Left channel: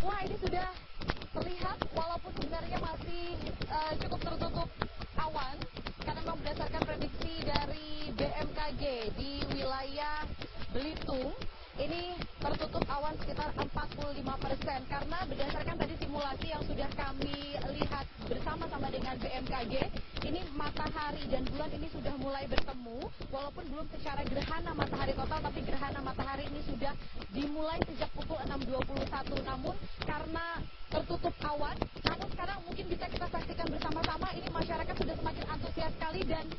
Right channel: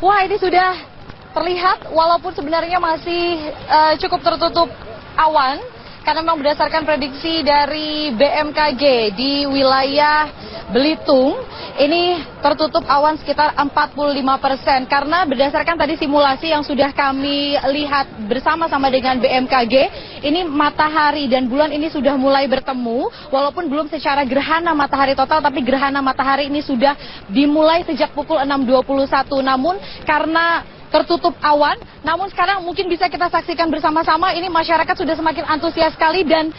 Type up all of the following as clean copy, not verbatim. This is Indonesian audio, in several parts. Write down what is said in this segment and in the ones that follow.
Wah, ini sudah terlihat walaupun sebenarnya masih cukup tertutup awan karena memang berdasarkan prediksi dari BMKG di wilayah Belitung ini tertutup awan sekitar 45% karena berdasarkan tadi simulasi yang sudah kami lihat bersama-sama dengan BMKG ini matahari dan bulan ini sudah mulai bertemu walaupun belum secara gerhana matahari total tapi gerhana matahari ini sudah dimulai sejak pukul 6.21 namun karena tertutup awan, namun sekarang mungkin bisa kita saksikan bersama-sama ini masyarakat sudah semakin antusias sekali dan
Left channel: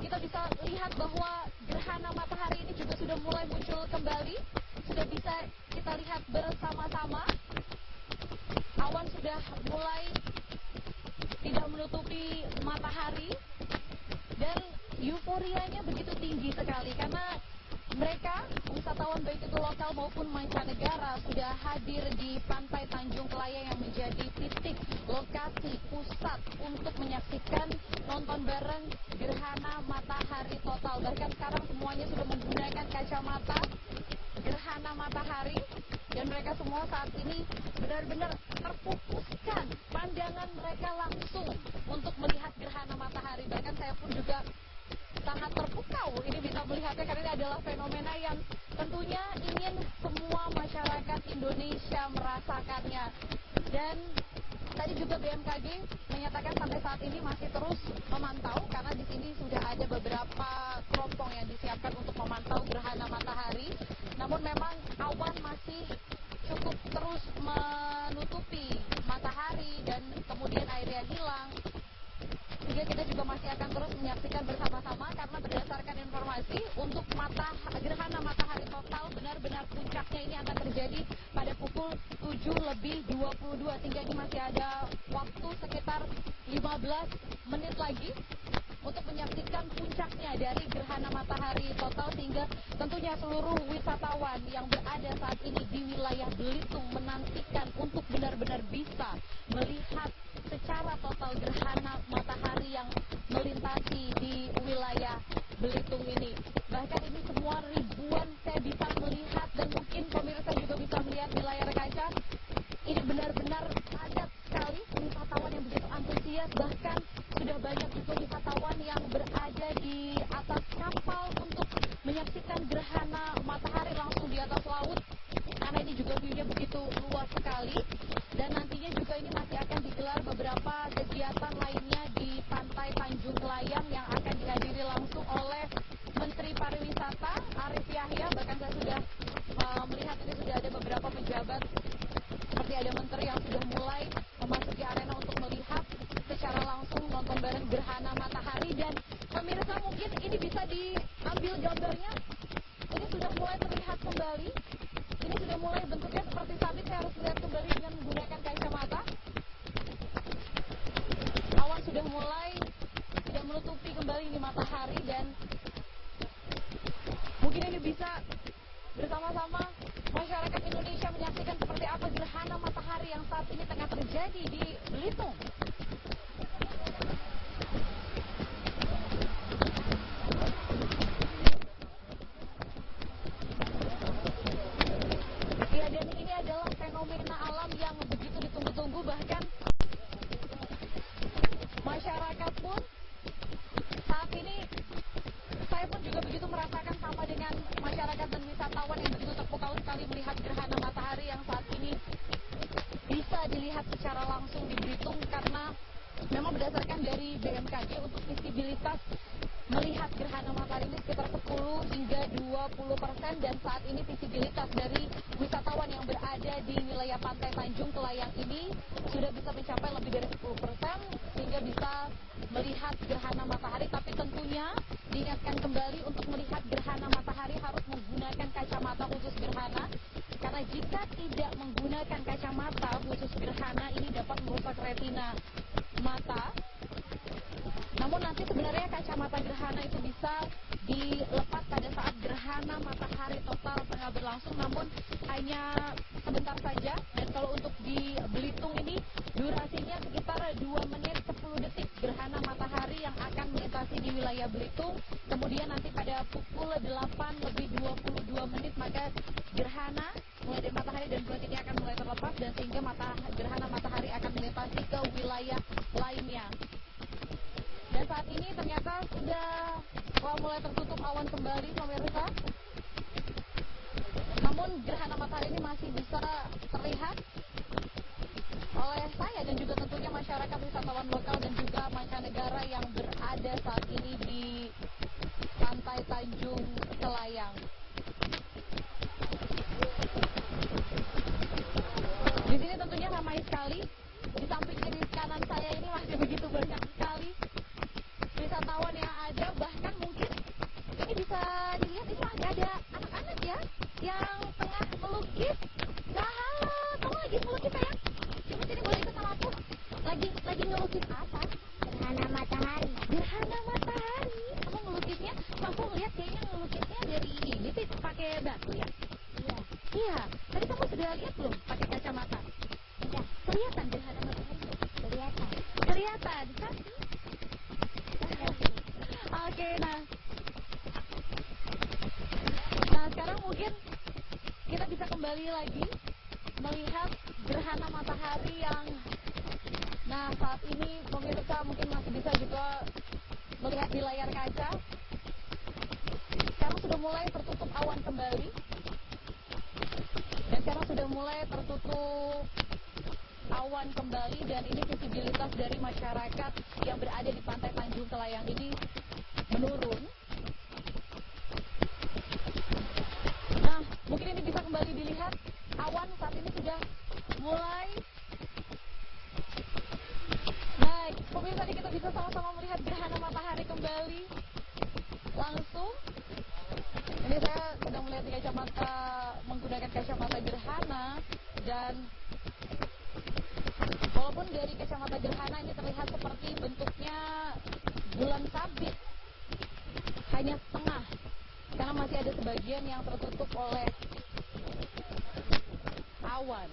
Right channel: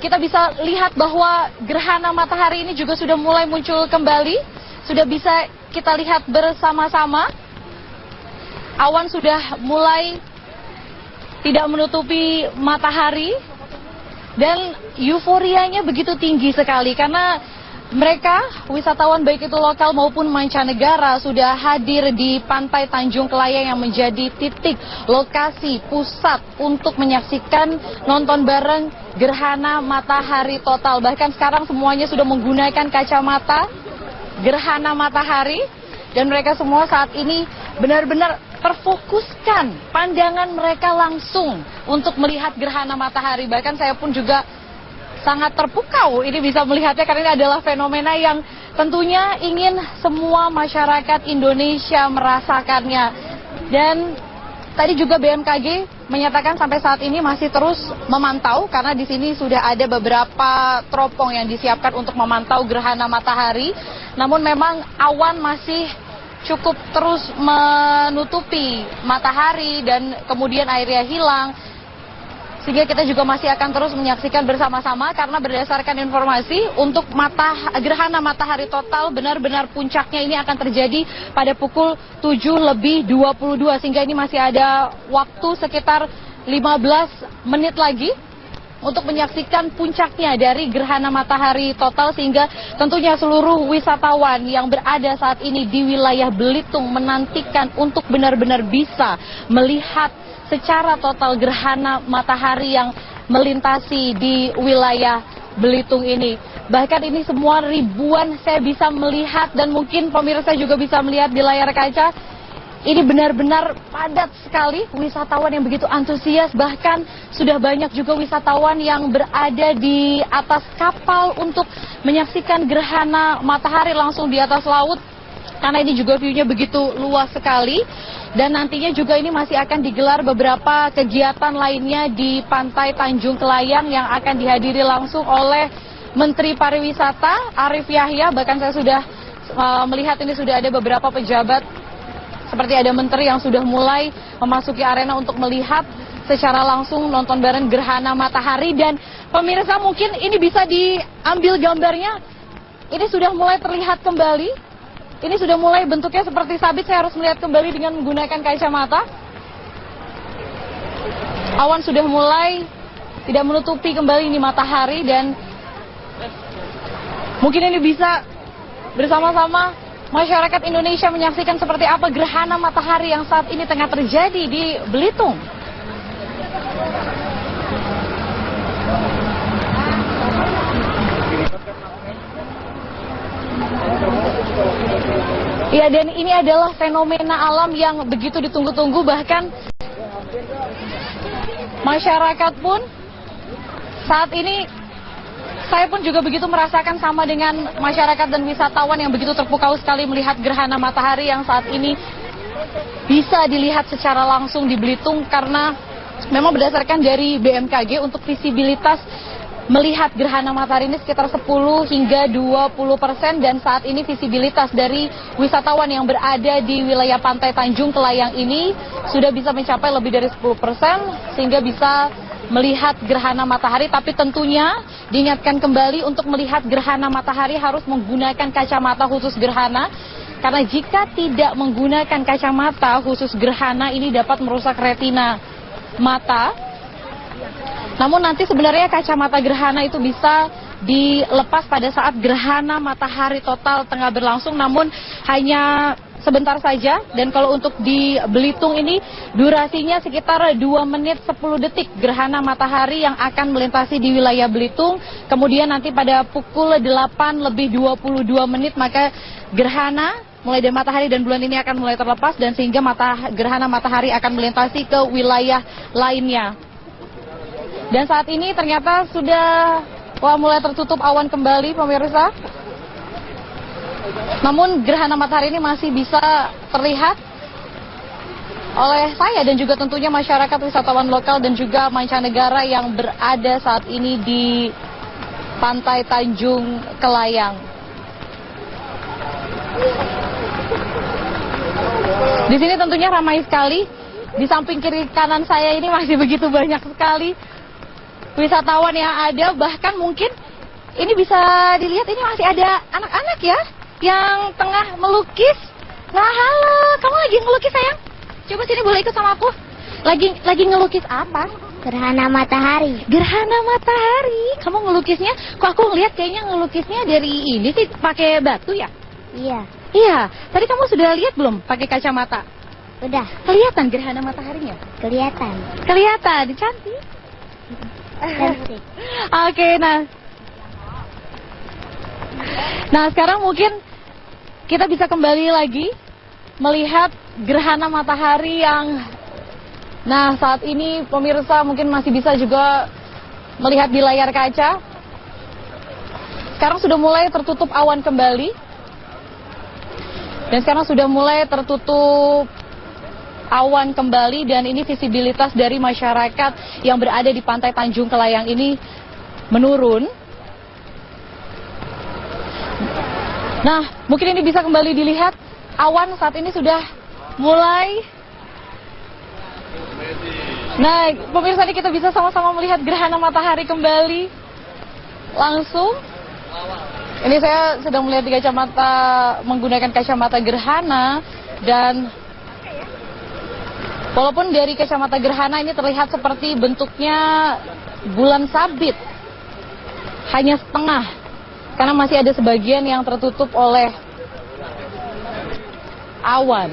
kita bisa lihat bahwa gerhana matahari ini juga sudah mulai muncul kembali, sudah bisa kita lihat bersama-sama. Awan sudah mulai tidak menutupi matahari dan euforianya begitu tinggi sekali karena mereka, wisatawan baik itu lokal maupun mancanegara sudah hadir di Pantai Tanjung Kelayang yang menjadi titik lokasi pusat untuk menyaksikan nonton bareng gerhana matahari total. Bahkan sekarang semuanya sudah menggunakan kacamata gerhana matahari dan mereka semua saat ini benar-benar terfokuskan pandangan mereka langsung untuk melihat gerhana matahari. Bahkan saya pun juga sangat terpukau ini bisa melihatnya karena ini adalah fenomena yang tentunya ingin semua masyarakat Indonesia merasakannya. Dan tadi juga BMKG menyatakan sampai saat ini masih terus memantau karena di sini sudah ada beberapa teropong yang disiapkan untuk memantau gerhana matahari. Namun memang awan masih cukup terus menutupi matahari dan kemudian airnya hilang. Sehingga kita juga masih akan terus menyaksikan bersama-sama karena berdasarkan informasi untuk gerhana matahari total benar-benar puncaknya ini akan terjadi pada pukul 7:22 sehingga ini masih ada waktu sekitar 15 menit lagi untuk menyaksikan puncaknya dari gerhana matahari total sehingga tentunya seluruh wisatawan yang berada saat ini di wilayah Belitung menantikan untuk benar-benar bisa melihat secara total gerhana matahari yang melintasi di wilayah Belitung ini. Bahkan ini semua ribuan saya bisa melihat dan mungkin pemirsa juga bisa melihat di layar kaca. Ini benar-benar padat sekali wisatawan yang begitu antusias. Bahkan sudah banyak juga wisatawan yang berada di atas kapal untuk menyaksikan gerhana matahari langsung di atas laut. Karena ini juga view-nya begitu luas sekali dan nantinya juga ini masih akan digelar beberapa kegiatan lainnya di Pantai Tanjung Kelayang yang akan dihadiri langsung oleh Menteri Pariwisata Arif Yahya. Bahkan saya sudah melihat ini sudah ada beberapa pejabat seperti ada menteri yang sudah mulai memasuki arena untuk melihat secara langsung nonton bareng gerhana matahari. Dan pemirsa mungkin ini bisa diambil gambarnya, ini sudah mulai terlihat kembali. Ini sudah mulai bentuknya seperti sabit, saya harus melihat kembali dengan menggunakan kacamata. Awan sudah mulai tidak menutupi kembali ini matahari dan mungkin ini bisa bersama-sama masyarakat Indonesia menyaksikan seperti apa gerhana matahari yang saat ini tengah terjadi di Belitung. Ya, dan ini adalah fenomena alam yang begitu ditunggu-tunggu, bahkan masyarakat pun saat ini saya pun juga begitu merasakan sama dengan masyarakat dan wisatawan yang begitu terpukau sekali melihat gerhana matahari yang saat ini bisa dilihat secara langsung di Belitung karena memang berdasarkan dari BMKG untuk visibilitas melihat gerhana matahari ini sekitar 10 hingga 20% dan saat ini visibilitas dari wisatawan yang berada di wilayah Pantai Tanjung Kelayang ini sudah bisa mencapai lebih dari 10% sehingga bisa melihat gerhana matahari. Tapi tentunya diingatkan kembali untuk melihat gerhana matahari harus menggunakan kacamata khusus gerhana karena jika tidak menggunakan kacamata khusus gerhana ini dapat merusak retina mata. Namun nanti sebenarnya kacamata gerhana itu bisa dilepas pada saat gerhana matahari total tengah berlangsung, namun hanya sebentar saja. Dan kalau untuk di Belitung ini durasinya sekitar 2 menit 10 detik gerhana matahari yang akan melintasi di wilayah Belitung. Kemudian nanti pada pukul 8 lebih 22 menit maka gerhana mulai dari matahari dan bulan ini akan mulai terlepas dan sehingga gerhana matahari akan melintasi ke wilayah lainnya. Dan saat ini ternyata sudah mulai tertutup awan kembali pemirsa. Namun gerhana matahari ini masih bisa terlihat oleh saya dan juga tentunya masyarakat wisatawan lokal dan juga mancanegara yang berada saat ini di Pantai Tanjung Kelayang. Di sini tentunya ramai sekali. Di samping kiri kanan saya ini masih begitu banyak sekali wisatawan yang ada. Bahkan mungkin ini bisa dilihat ini masih ada anak-anak ya yang tengah melukis. Nah, halo, kamu lagi ngelukis sayang? Coba sini boleh ikut sama aku. Lagi ngelukis apa? Gerhana matahari. Gerhana matahari. Kamu ngelukisnya? Kok aku ngeliat kayaknya ngelukisnya dari ini sih pakai batu ya? Iya. Iya, tadi kamu sudah lihat belum pakai kacamata? Udah. Kelihatan gerhana mataharinya? Kelihatan. Kelihatan, cantik. Cantik. Oke, nah sekarang mungkin kita bisa kembali lagi melihat gerhana matahari yang, nah saat ini pemirsa mungkin masih bisa juga melihat di layar kaca. Sekarang sudah mulai tertutup awan kembali. Dan sekarang sudah mulai tertutup awan kembali dan ini visibilitas dari masyarakat yang berada di Pantai Tanjung Kelayang ini menurun. Nah, mungkin ini bisa kembali dilihat. Awan saat ini sudah mulai. Nah, pemirsa ini kita bisa sama-sama melihat gerhana matahari kembali. Langsung. Ini saya sedang melihat di kacamata, menggunakan kacamata gerhana. Dan walaupun dari kacamata gerhana ini terlihat seperti bentuknya bulan sabit, hanya setengah. Karena masih ada sebagian yang tertutup oleh awan.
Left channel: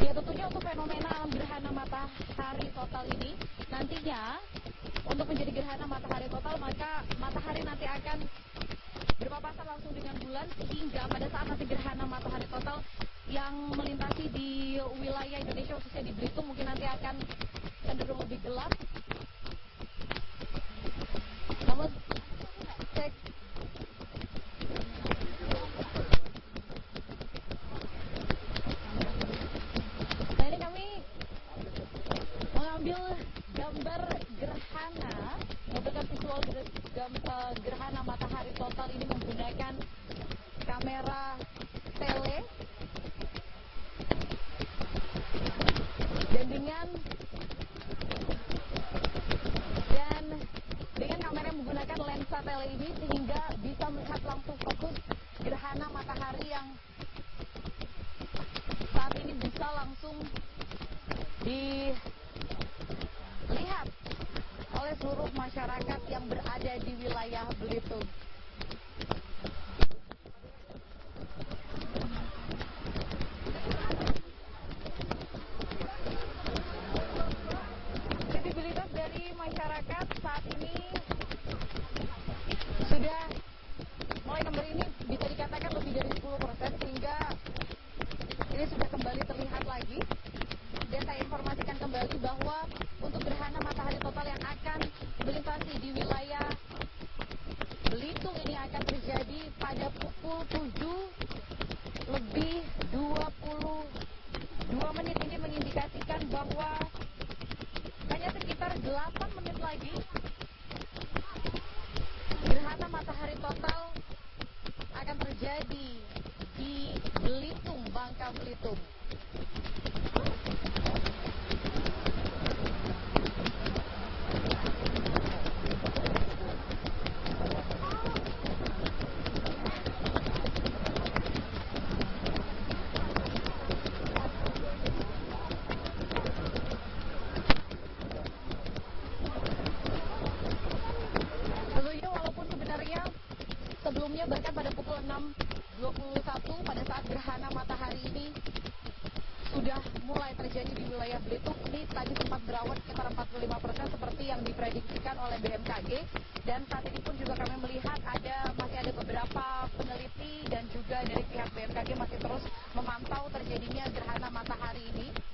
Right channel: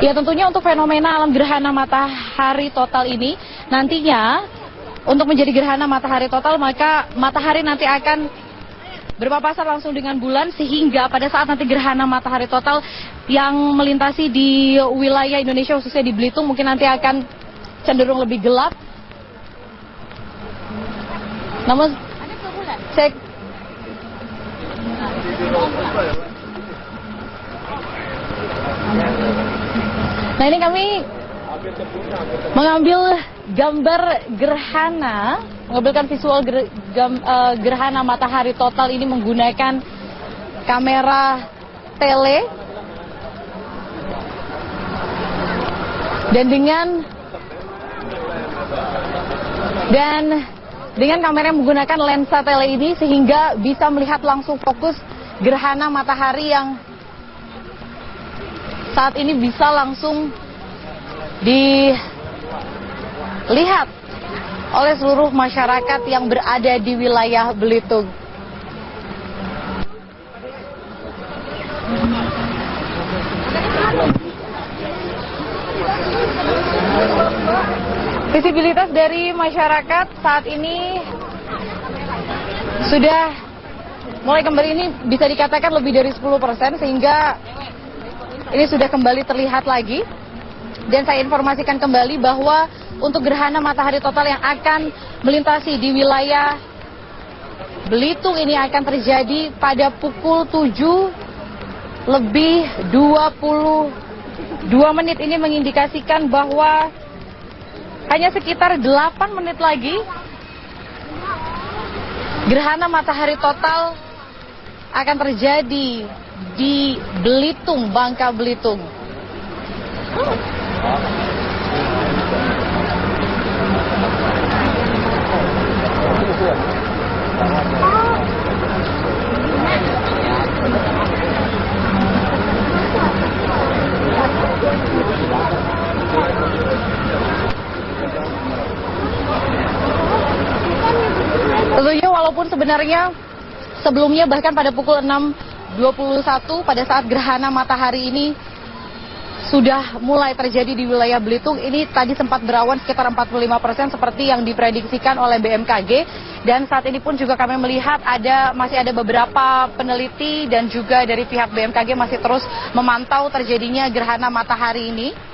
Ya tentunya untuk fenomena alam gerhana matahari total ini nantinya untuk menjadi gerhana matahari total maka matahari nanti akan berpapasan langsung dengan bulan sehingga pada saat nanti gerhana matahari total yang melintasi di wilayah Indonesia khususnya di Belitung mungkin nanti akan cenderung lebih gelap. Namun cek nah ini kami mengambil gambar gerhana, mengambilkan visual gerhana matahari total ini menggunakan kamera tele dan dengan kamera yang menggunakan lensa tele ini sehingga bisa melihat langsung fokus gerhana matahari yang saat ini bisa langsung dilihat oleh seluruh masyarakat yang berada di wilayah Belitung. Visibilitas dari masyarakat saat ini sudah mulai kembali, ini bisa dikatakan lebih dari 10% sehingga ini sudah kembali terlihat lagi. Dan saya informasikan kembali bahwa untuk gerhana matahari total yang akan melintasi di wilayah Belitung ini akan terjadi pada pukul 7:22 menit. Ini mengindikasikan bahwa hanya sekitar 8 menit lagi gerhana matahari total akan terjadi di Belitung, Bangka Belitung. Tentunya walaupun sebenarnya sebelumnya bahkan pada pukul 6:21 pada saat gerhana matahari ini sudah mulai terjadi di wilayah Belitung. Ini tadi sempat berawan sekitar 45% seperti yang diprediksikan oleh BMKG. Dan saat ini pun juga kami melihat masih ada beberapa peneliti dan juga dari pihak BMKG masih terus memantau terjadinya gerhana matahari ini.